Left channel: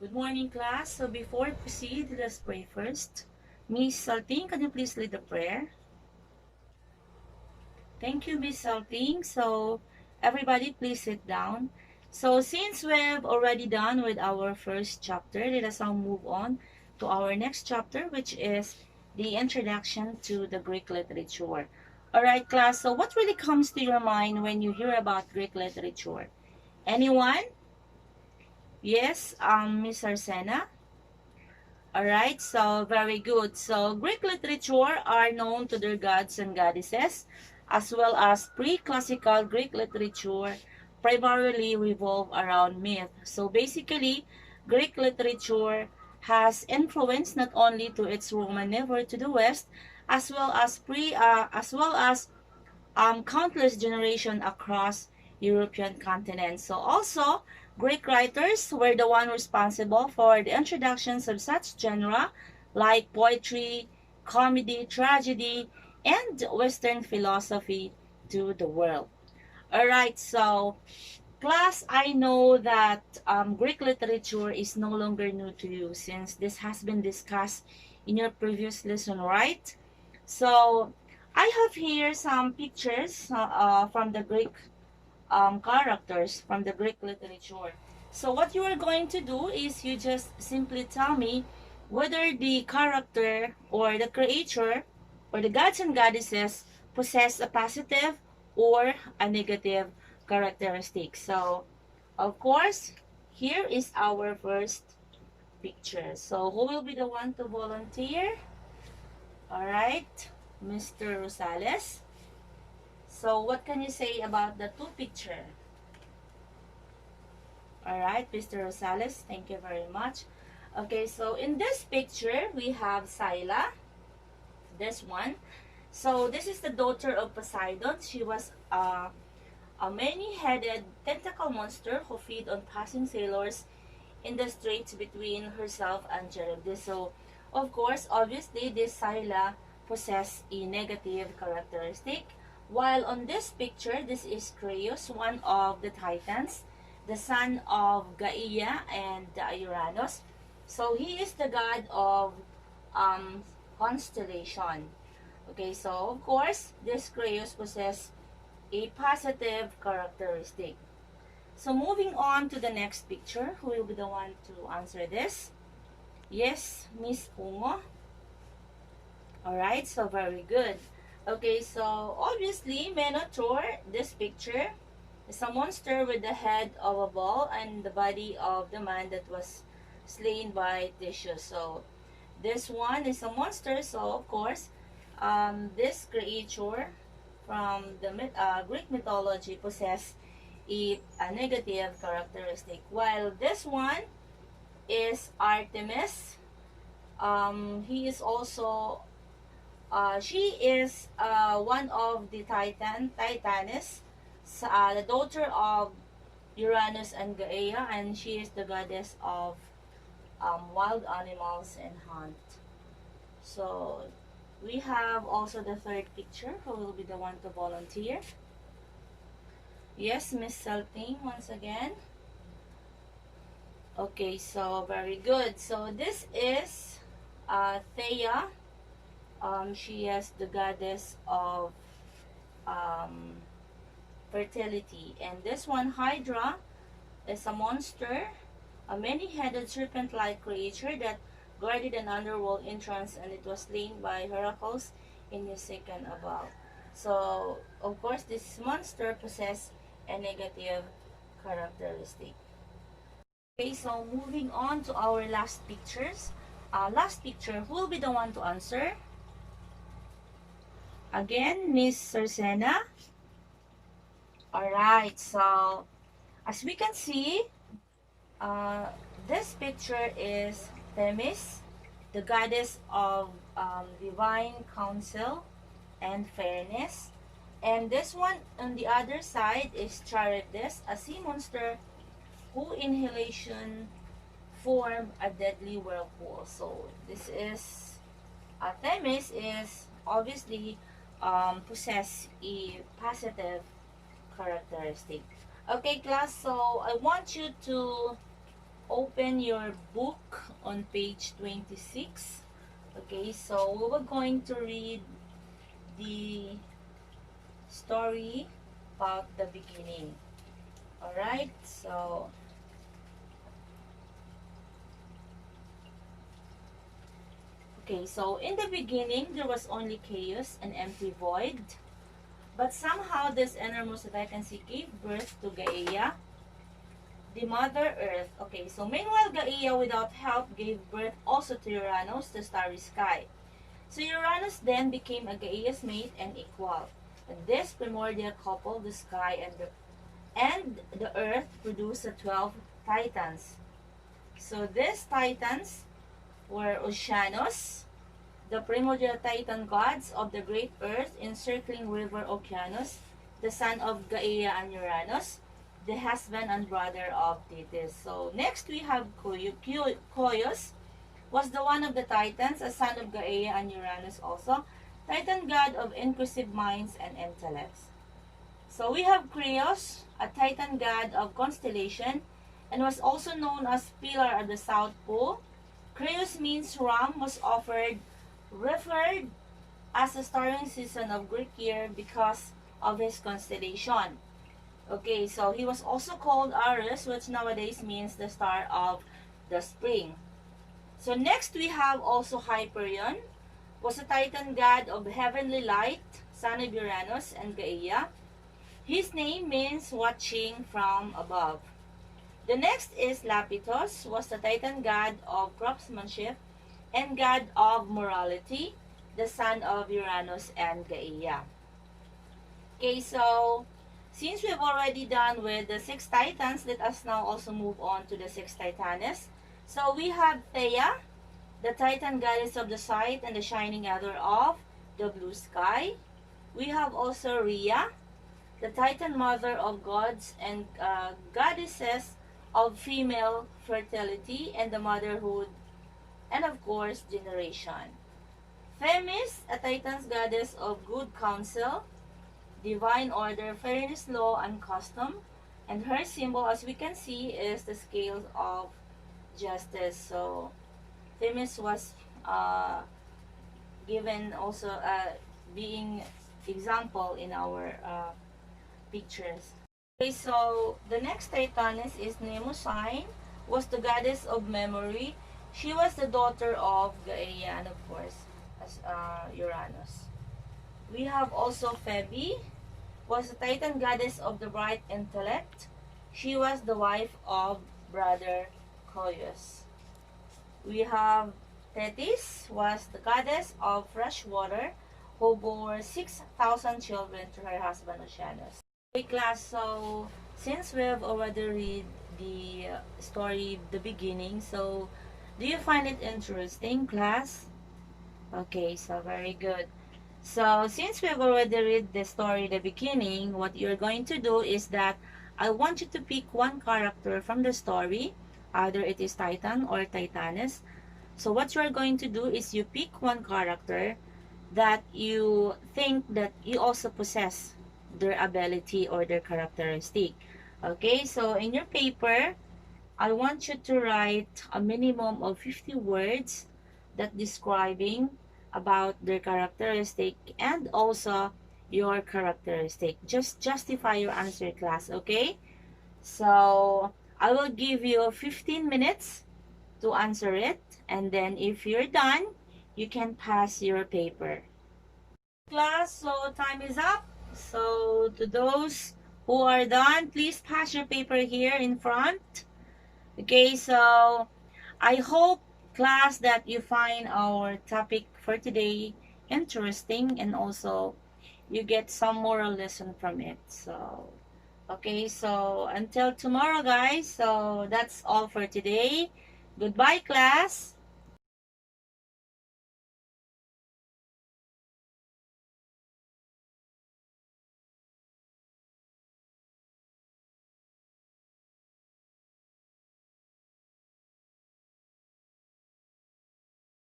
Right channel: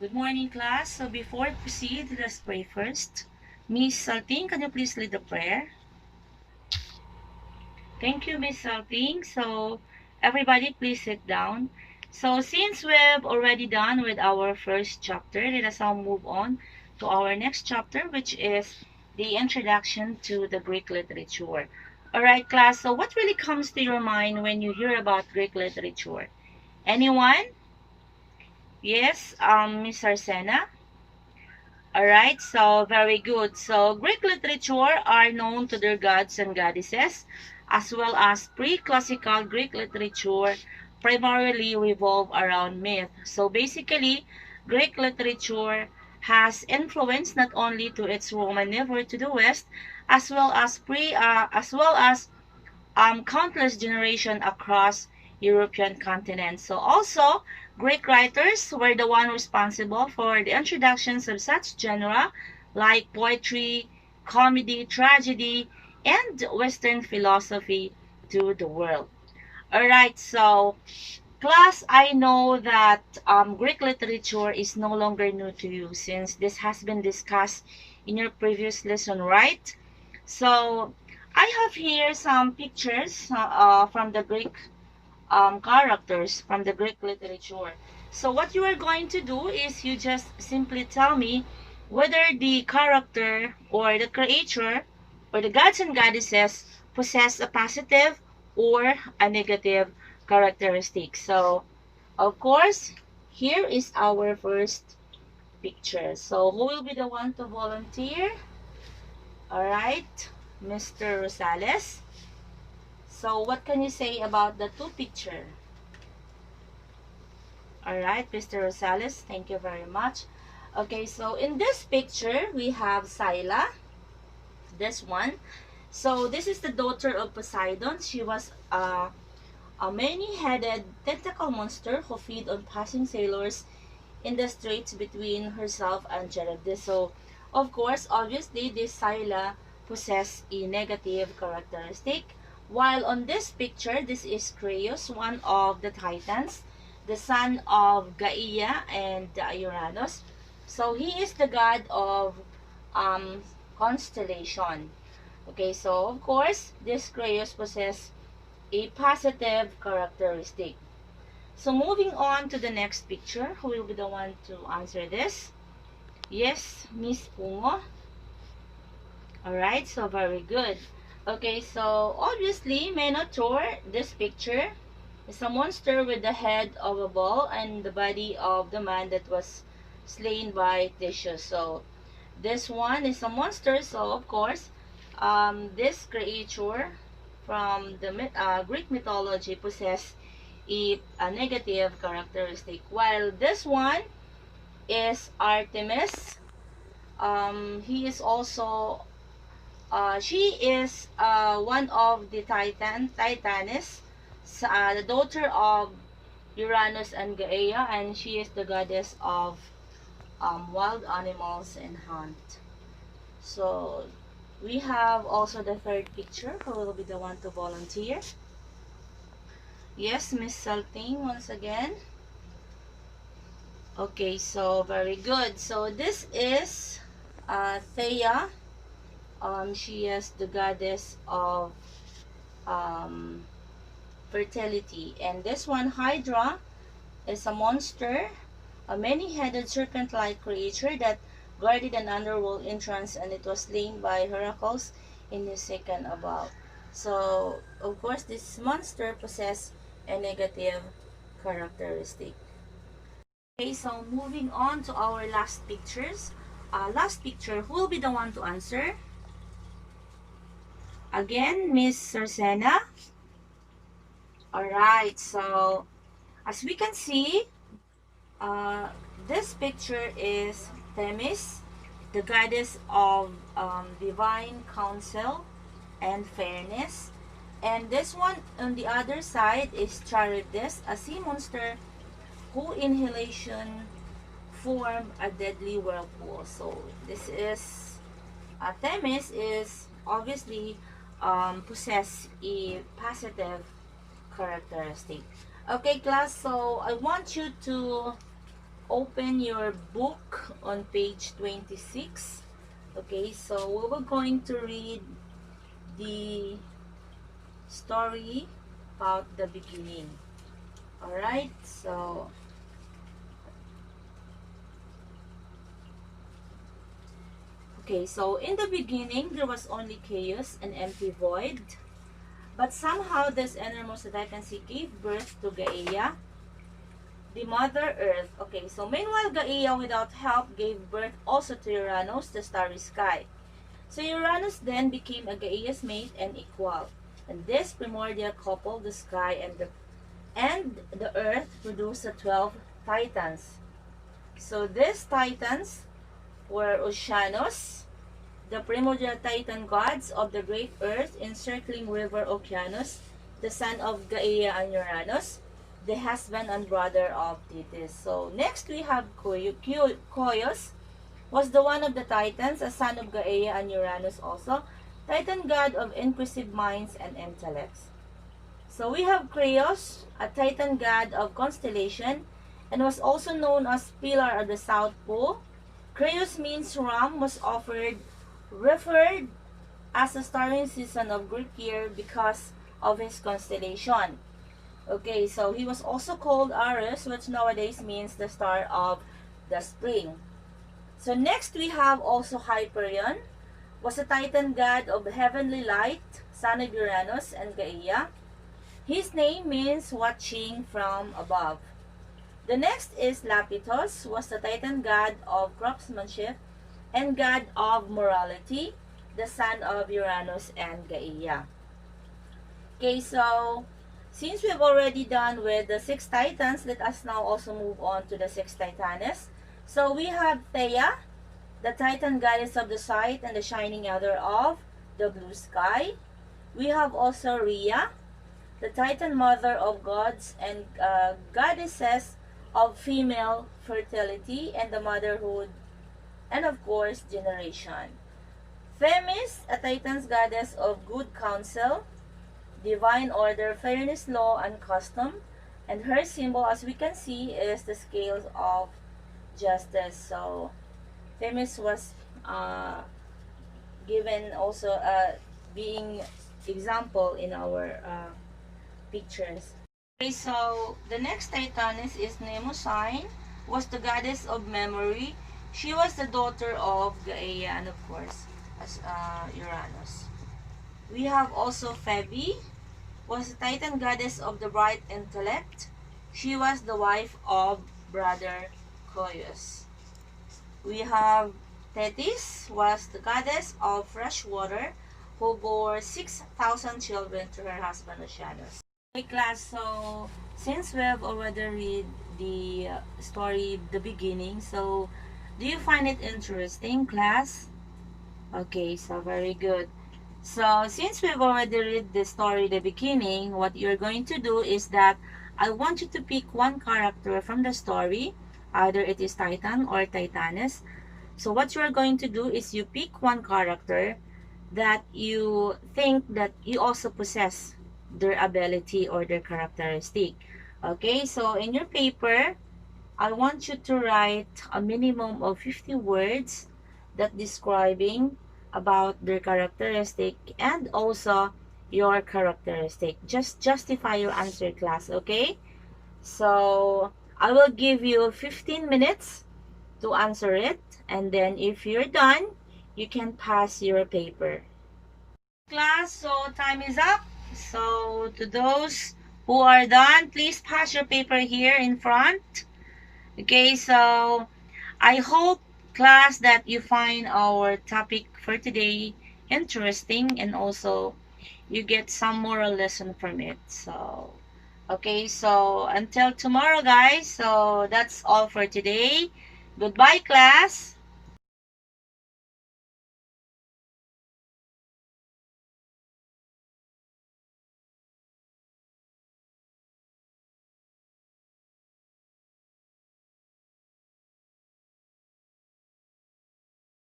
Good morning, class. So before I proceed, let's pray first. Miss Salting, can you please lead the prayer? Thank you, Miss Salting. So everybody, please sit down. So since we've already done with our first chapter, let us now move on to our next chapter, which is the introduction to the Greek literature. All right, class. So what really comes to your mind when you hear about Greek literature? Anyone? Yes, Miss Arsena. Alright, so very good. So Greek literature are known to their gods and goddesses, as well as pre-classical Greek literature primarily revolve around myth. So basically, Greek literature has influence not only to its Roman neighbor to the west, as well as countless generation across European continent. So also, Greek writers were the one responsible for the introductions of such genre like poetry, comedy, tragedy, and Western philosophy to the world. Alright, so class, I know that Greek literature is no longer new to you since this has been discussed in your previous lesson, right? So I have here some pictures from the Greek characters from the Greek literature. So what you are going to do is you just simply tell me whether the character or the creature or the gods and goddesses possess a positive or a negative characteristic. So of course, here is our first picture. So who will be the one to volunteer? All right, Mr. Rosales. So what can you say about the two picture? All right, Mr. Rosales, thank you very much. Okay, so in this picture, we have Scylla, this one. So this is the daughter of Poseidon. She was a many-headed tentacle monster who feed on passing sailors in the straits between herself and Charybdis. So, of course, obviously, this Scylla possess a negative characteristic. While on this picture, this is Creus, one of the Titans, the son of Gaia and Uranus. So, he is the god of um, constellation. Okay, so of course, this Creus possess a positive characteristic. So moving on to the next picture, who will be the one to answer this? Yes, Miss Pungo. Alright, so very good. Okay, so obviously, Minotaur, this picture, is a monster with the head of a bull and the body of the man that was slain by Theseus. So this one is a monster, so of course, this creature from the Greek mythology possess a negative characteristic. While this one is Artemis. He is also, she is one of the Titanis, the daughter of Uranus and Gaia, and she is the goddess of wild animals and hunt. So we have also the third picture. Who will be the one to volunteer? Yes, Miss Salting once again. Okay, so very good. So this is Thea. She is the goddess of um, fertility. And this one, Hydra, is a monster, a many-headed serpent-like creature that guarded an underworld entrance, and it was slain by Heracles in the second above. So, of course, this monster possesses a negative characteristic. Okay, so moving on to our last pictures. Last picture, who will be the one to answer? Again, Miss Sarcena. Alright, so as we can see, uh, this picture is Themis, the goddess of divine counsel and fairness. And this one on the other side is Charybdis, a sea monster who inhalation form a deadly whirlpool. So this is Themis is obviously possess a positive characteristic. Okay, class. So I want you to open your book on page 26. Okay, so we were going to read the story about the beginning. Alright, so okay, so in the beginning there was only chaos and empty void. But somehow this innermost that I can see gave birth to Gaia, the Mother Earth. Okay, so meanwhile Gaia without help gave birth also to Uranus, the starry sky. So Uranus then became a Gaia's mate and equal. And this primordial couple, the sky and the earth, produced the 12 titans. So these titans were Oceanus, the primordial titan gods of the great earth encircling river Oceanus, the son of Gaia and Uranus, the husband and brother of Thetis. So next we have Koios, was the one of the titans, a son of Gaia and Uranus also, titan god of inquisitive minds and intellects. So we have Kreos, a titan god of constellation, and was also known as pillar of the South Pole. Kreos means ram was referred as a starring season of Greek year because of his constellation. Okay, so he was also called Ares, which nowadays means the star of the spring. So next we have also Hyperion, was a titan god of heavenly light, son of Uranus and Gaia. His name means watching from above. The next is Lapithos, was the titan god of craftsmanship and god of morality, the son of Uranus and Gaia. Okay, so since we've already done with the 6 titans, let us now also move on to the 6 titanes. So we have Theia, the titan goddess of the sight and the shining other of the blue sky. We have also Rhea, the titan mother of gods and goddesses of female fertility and the motherhood, and of course generation. Themis, a titan's goddess of good counsel, divine order, fairness, law, and custom, and her symbol, as we can see, is the scales of justice. So Themis was given also being example in our pictures. Okay, so the next Titaness is Mnemosyne, was the goddess of memory. She was the daughter of Gaia and of course as Uranus. We have also Phoebe, was the titan goddess of the bright intellect. She was the wife of brother Koios. We have Thetis, was the goddess of fresh water, who bore 6,000 children to her husband Oceanus. Okay, class, so since we have already read the story, the beginning, so do you find it interesting, class? Okay, so very good. So since we've already read the story, the beginning, what you're going to do is that I want you to pick one character from the story, either it is Titan or Titaness. So what you're going to do is you pick one character that you think that you also possess their ability or their characteristic. Okay, so in your paper, I want you to write a minimum of 50 words that describing about their characteristic and also your characteristic. Just justify your answer, class, okay? So I will give you 15 minutes to answer it, and then if you're done, you can pass your paper. Class, so time is up. So to those who are done, please pass your paper here in front. Okay, so I hope, class, that you find our topic for today interesting and also you get some moral lesson from it. So okay, so until tomorrow, guys. So that's all for today. Goodbye, class.